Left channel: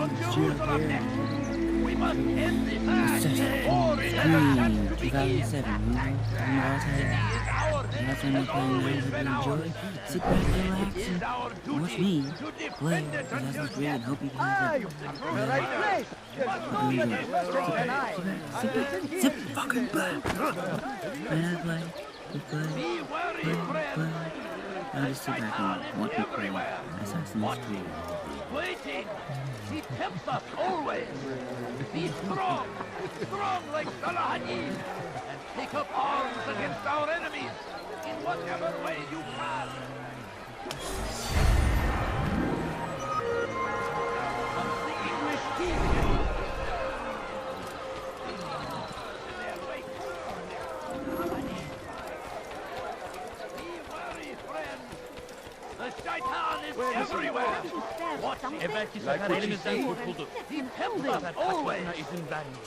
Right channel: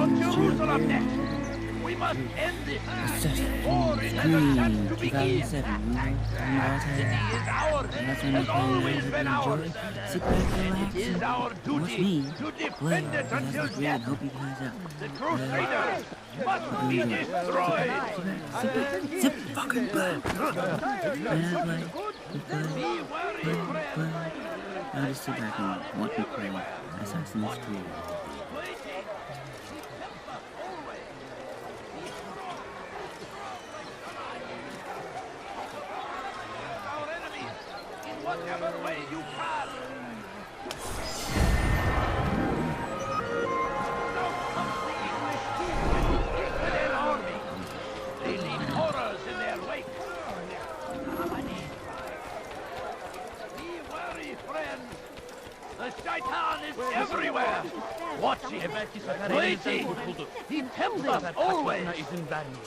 on Jerusalem next. We must end this before it has a chance to begin. The city is ours. Has always been ours. Sit back, relax, It is our duty to defend it until death. The Crusaders must be destroyed. Sit fucking back. Be wary, friends. Now just sit back and watch me play Assassin's Creed. Waiting. He tempts us always. Be strong like Salahadin. Take up arms against our enemies in whatever way you can. Now comes the English king and his Christian army. They leave horrors in their wake. Be wary, friends. The shaitan is everywhere. Watch him. He tempts us always.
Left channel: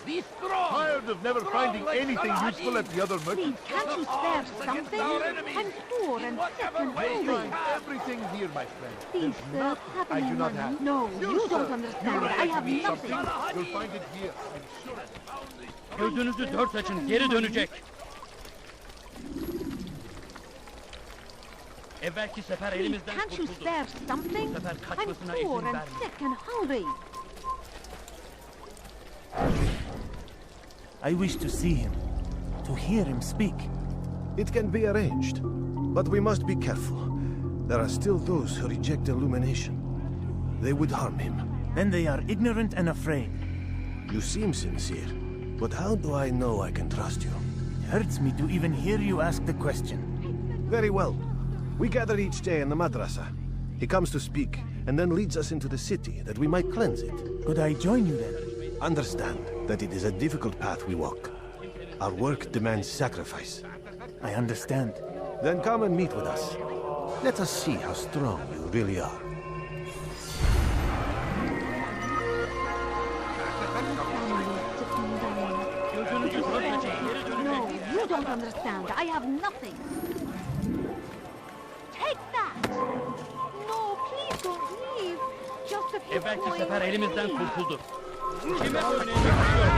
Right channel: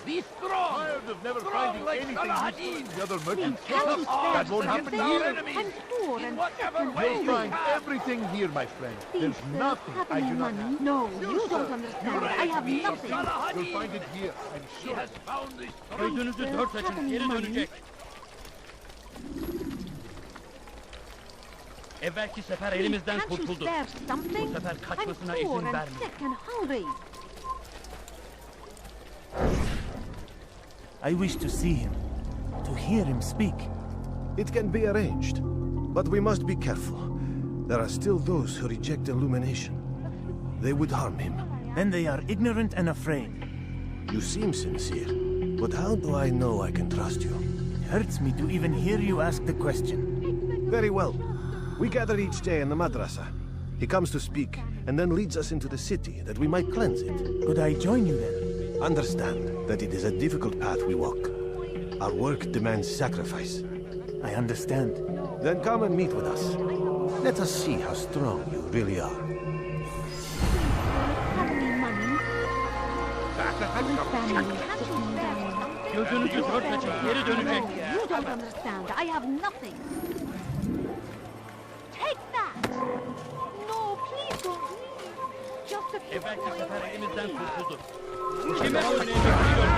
Be strong. Tired of never finding anything useful at the other merchants. Can't you spare something? I'm poor and whatever way you Find can. everything here, my friend. Please, There's sir, nothing have I any do not money? have. No, you don't understand. I have nothing. You'll find it here, I'm He sure. has found this Gözünüzü dört açın, geri dönecek. Evvelki sefer elimizden Can't you kurtuldu. spare something? Bu sefer I'm kaçmasına poor izin and verme. sick and hungry. I wish to see him, to hear him speak. It can be arranged, but we must be careful. There are still those who reject illumination. They would harm him. Then they are ignorant and afraid. You seem sincere, but how do I know I can trust you? It hurts me to even hear you ask the question. Very well. We gather each day in the madrasa. He comes to speak, and then leads us into the city, that we might cleanse it. Could I join you then? Understand that it is a difficult path we walk. Our work demands sacrifice. I understand. Then come and meet with us. Let us see how strong you really are. Have any money? My family is sick and dying. Gözünüzü dört açın, geri dönecek. No, you don't understand. I have nothing. Take that! No, please don't leave. Just a few Evvelki coins. sefer elimizden kurtuldu. Kime oynayacak biliyor.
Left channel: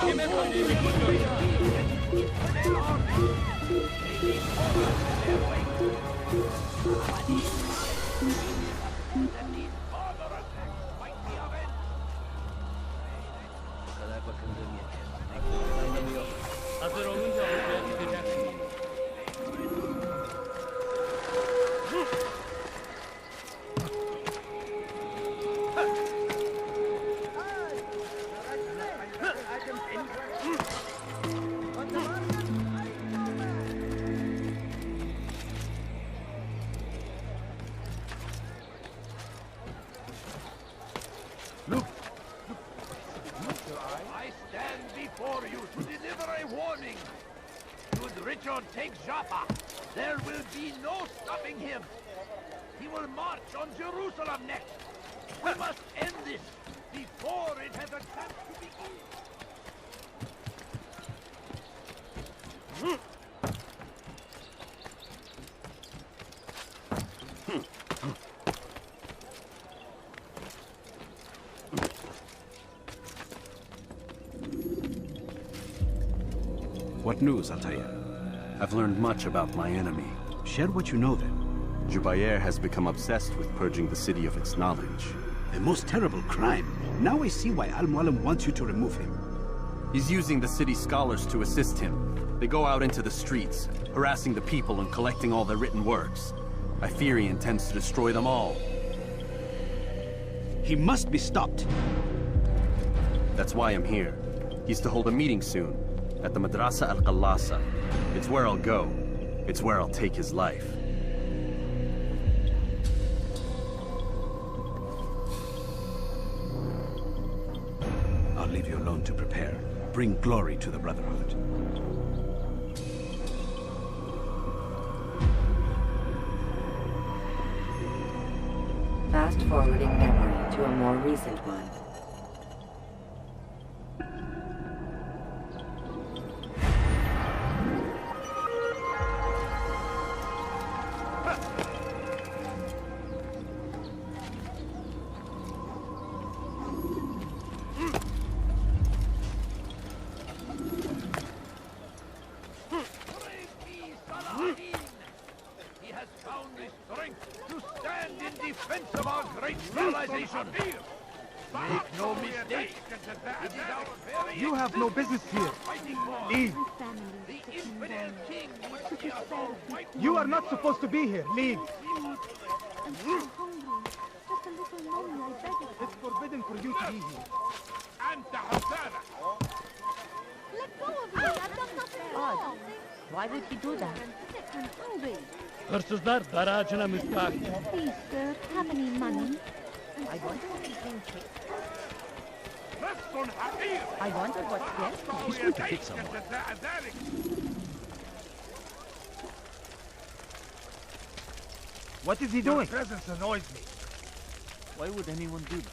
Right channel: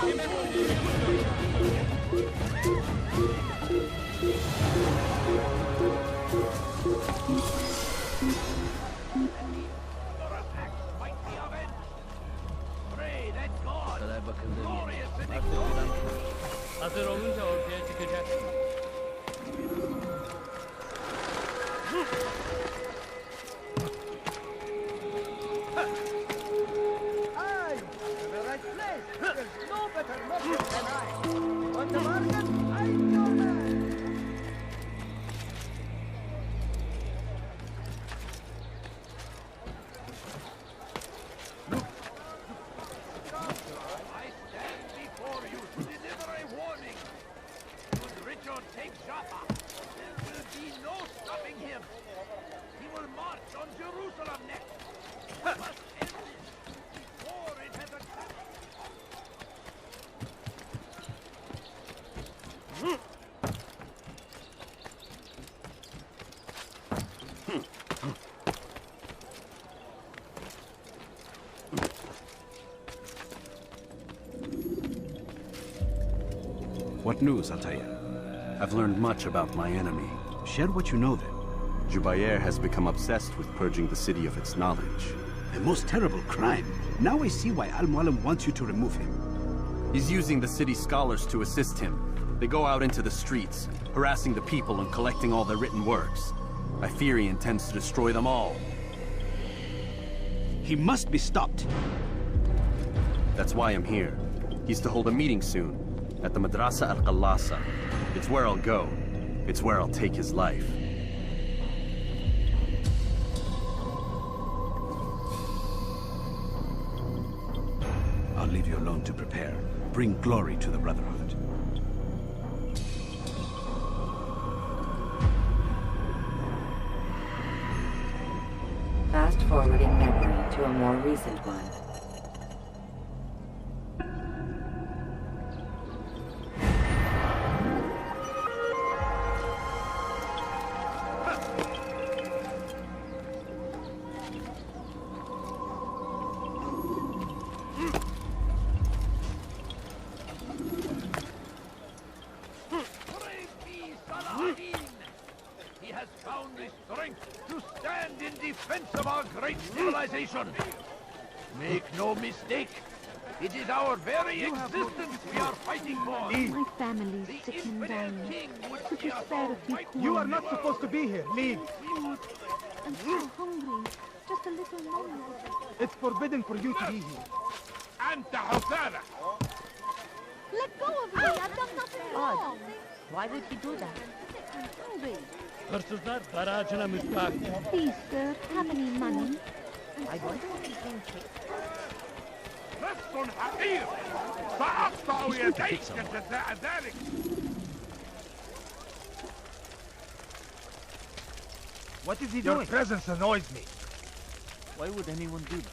Kime oynayacak biliyor. Bu kadar bakıldığım yer. Hazır olunca ortaya çıkacak. I stand before you to deliver a warning. Should Richard take Jaffa, there will be no stopping him. He will march on Jerusalem next. We must end this before it has a chance to begin. What news, Altair? I've learned much about my enemy. Share what you know then. Jubair has become obsessed with purging the city of its knowledge. A most terrible crime. Now I see why Al-Mualim wants you to remove him. He's using the city scholars to assist him. They go out into the streets, harassing the people and collecting all their written works. I fear he intends to destroy them all. He must be stopped. That's why I'm here. He's to hold a meeting soon, at the Madrasa al-Qallasa. It's where I'll go. It's where I'll take his life. I'll leave you alone to prepare. Bring glory to the Brotherhood. Fast-forwarding memory to a more recent one. stand in defense of our great civilization. Make no mistake, it is our very You have no business we are here. fighting for. Leave. My family's sick and Infidel dying. king would Could be you a spare a few You are coins? not supposed to be here. Leave. I'm so hungry. Just a little money, I beg. It's forbidden for you to be here. أنت حسانة. Let go of me. I've done nothing wrong. Why would he do that? I'm hungry. Hırsızlar garajına müstahak. Please, sir, have any money? I wonder what he's being kicked. نص حقير. I wonder what سأقطع يديك جزاء ذلك. What is he Your doing? presence annoys me. Why would anyone do that?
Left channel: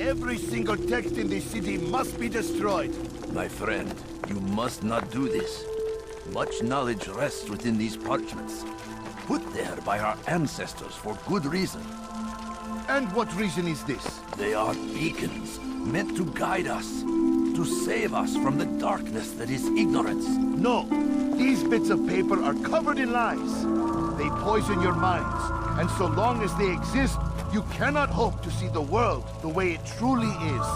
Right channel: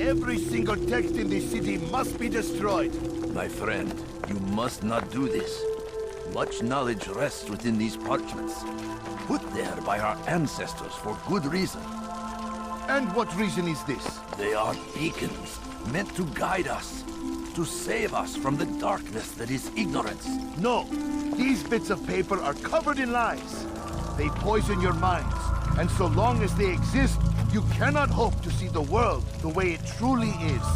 Every single text in this city must be destroyed. My friend, you must not do this. Much knowledge rests within these parchments, put there by our ancestors for good reason. And what reason is this? They are beacons, meant to guide us, to save us from the darkness that is ignorance. No, these bits of paper are covered in lies. They poison your minds, and so long as they exist, you cannot hope to see the world the way it truly is.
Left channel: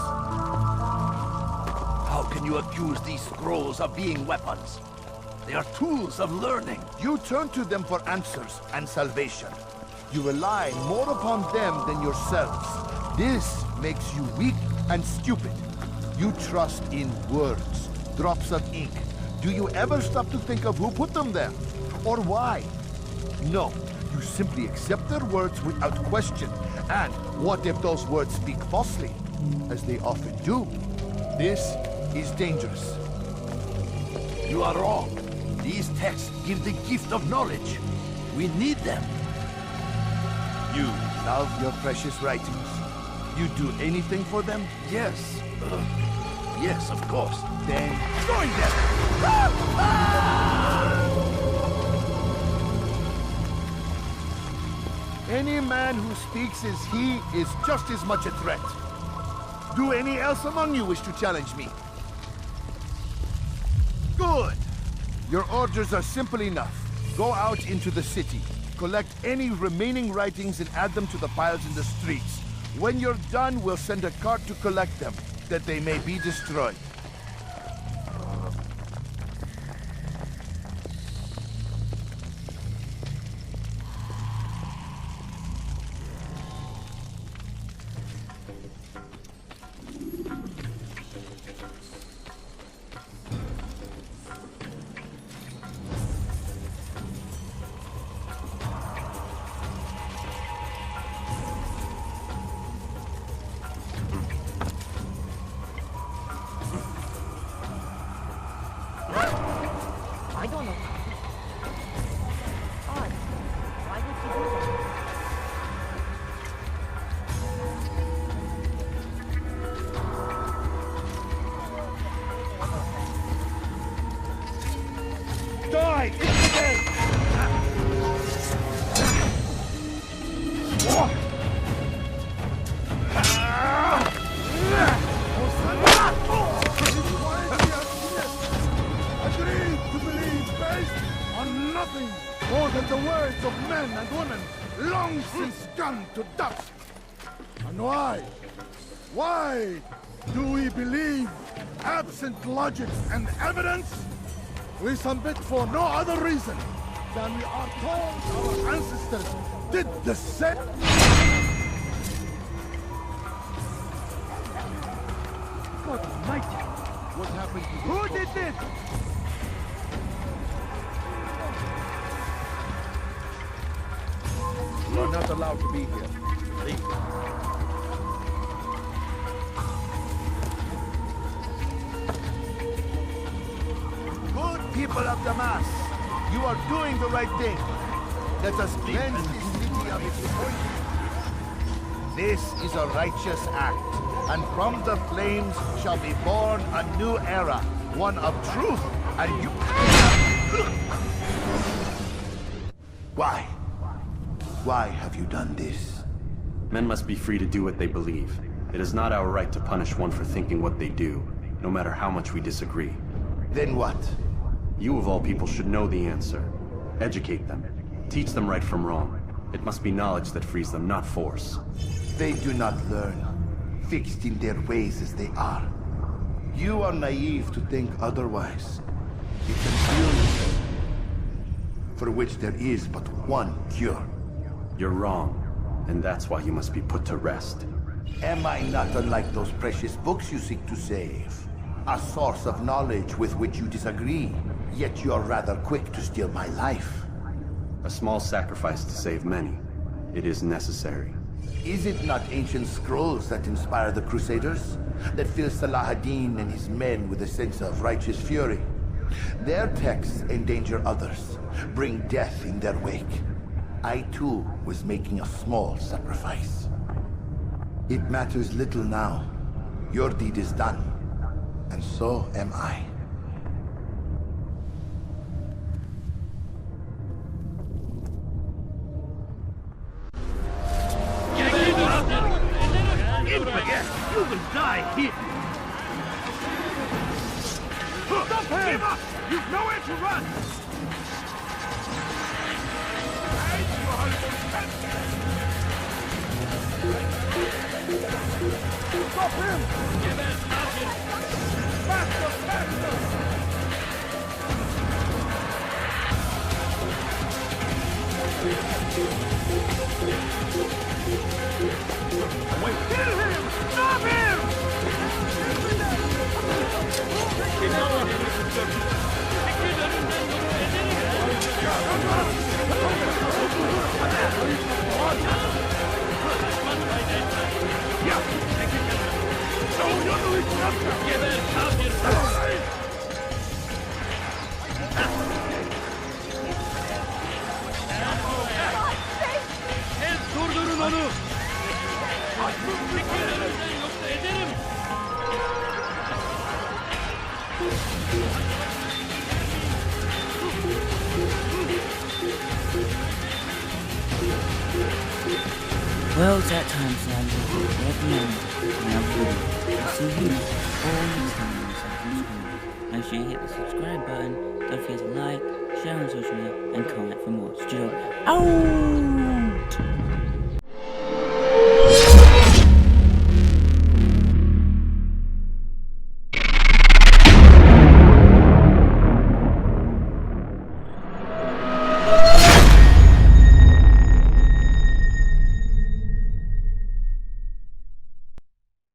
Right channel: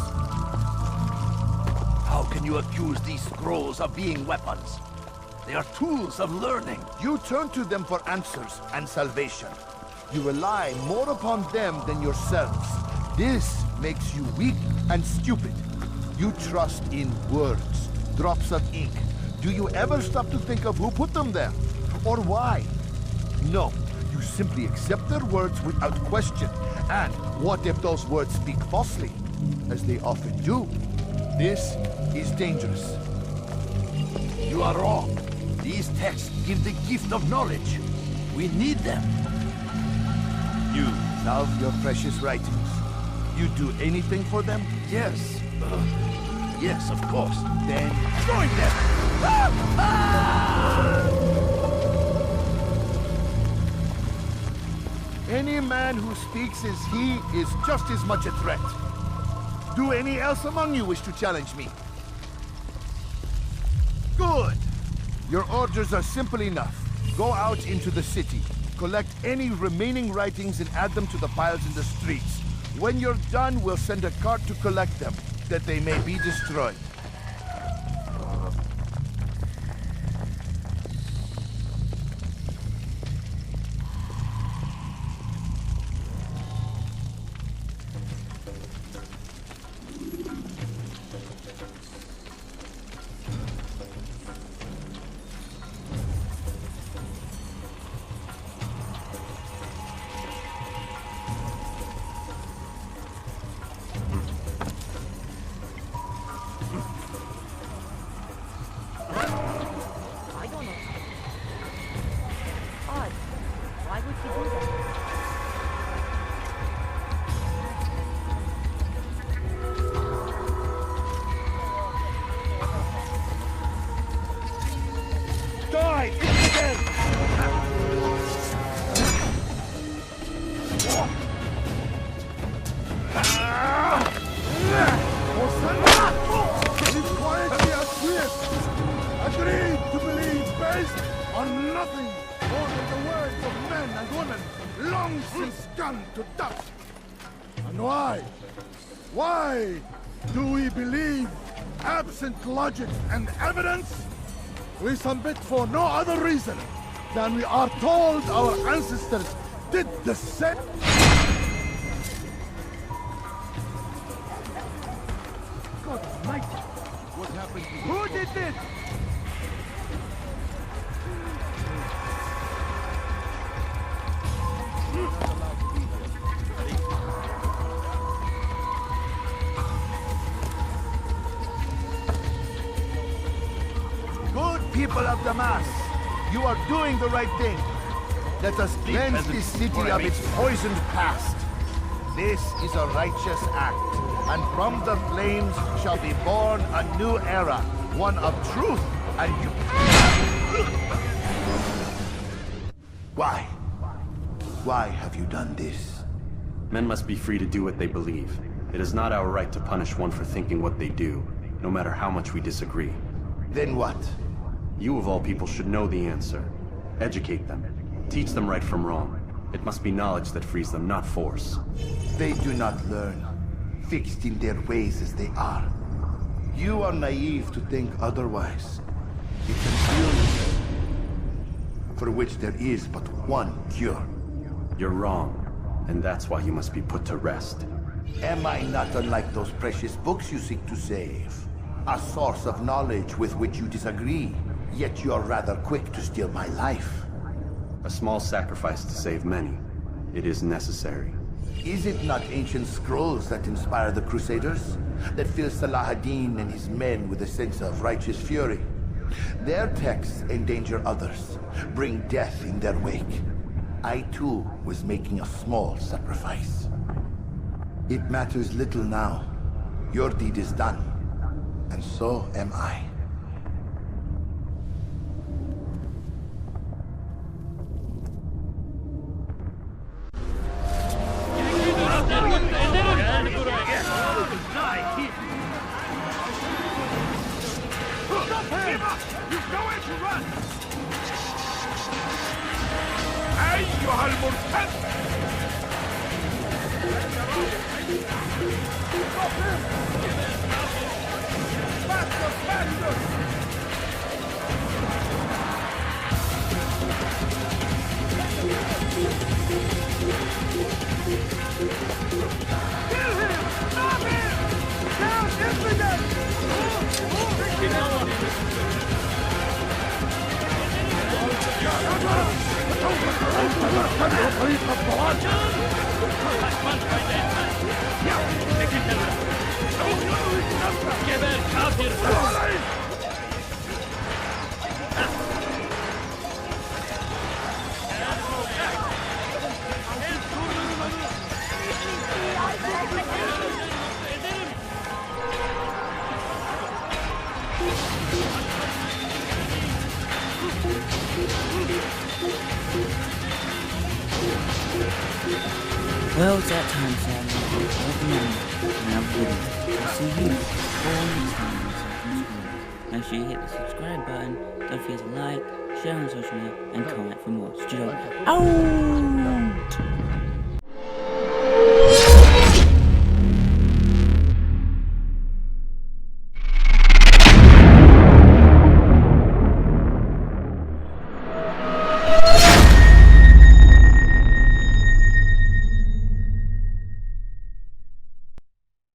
How can you accuse these scrolls of being weapons? They are tools of learning. You turn to them for answers and salvation. You rely more upon them than yourselves. This makes you weak and stupid. You trust in words, drops of ink. Do you ever stop to think of who put them there? Or why? No, you simply accept their words without question And what if those words speak falsely, as they often do? This is dangerous. You are wrong. These texts give the gift of knowledge. We need them. You love your precious writings. You'd do anything for them? Yes. Yes, of course. Then join them! Any man who speaks as he is just as much a threat. Do any else among you wish to challenge me? Good! Your orders are simple enough. Go out into the city, collect any remaining writings and add them to the piles in the streets. When you're done, we'll send a cart to collect them, that they may be destroyed. I don't know. Odd. Why would he do that? Die! Infidel! Agreed to believe based on nothing more than the words of men and women long since gone to dust. And why? Why do we believe absent logic and evidence? We submit for no other reason than we are told our ancestors did the same. God almighty! What happened to you? Who did this? You're not allowed to be here. Leave. Good people of Damas, you are doing the right thing. Let us cleanse this city of its poisoned past. This is a righteous act, and from the flames shall be born a new era, one of truth, and you... Why? Why have you done this? Men must be free to do what they believe. It is not our right to punish one for thinking what they do, no matter how much we disagree. Then what? You of all people should know the answer. Educate them. Teach them right from wrong. It must be knowledge that frees them, not force. They do not learn, fixed in their ways as they are. You are naive to think otherwise. It's an illness for which there is but one cure. You're wrong, and that's why you must be put to rest. Am I not unlike those precious books you seek to save? A source of knowledge with which you disagree, yet you're rather quick to steal my life. A small sacrifice to save many. It is necessary. Is it not ancient scrolls that inspire the Crusaders? That fill Salah ad-Din and his men with a sense of righteous fury? Their texts endanger others, bring death in their wake. I too was making a small sacrifice. It matters little now. Your deed is done, and so am I. You will die here. Stop him! Give up! You've nowhere to run! أيها المرتد! Stop him! Faster! Faster! Kill him! Stop him! Now, infidel! Geber kafir! Durdurun onu! Yoksa ederim! Well, it's that time, sadly. At the end, and I'll see you all next time on Assassin's Creed. Make sure you hit the subscribe button, don't forget to like, share on social media, and comment for more. Studog out!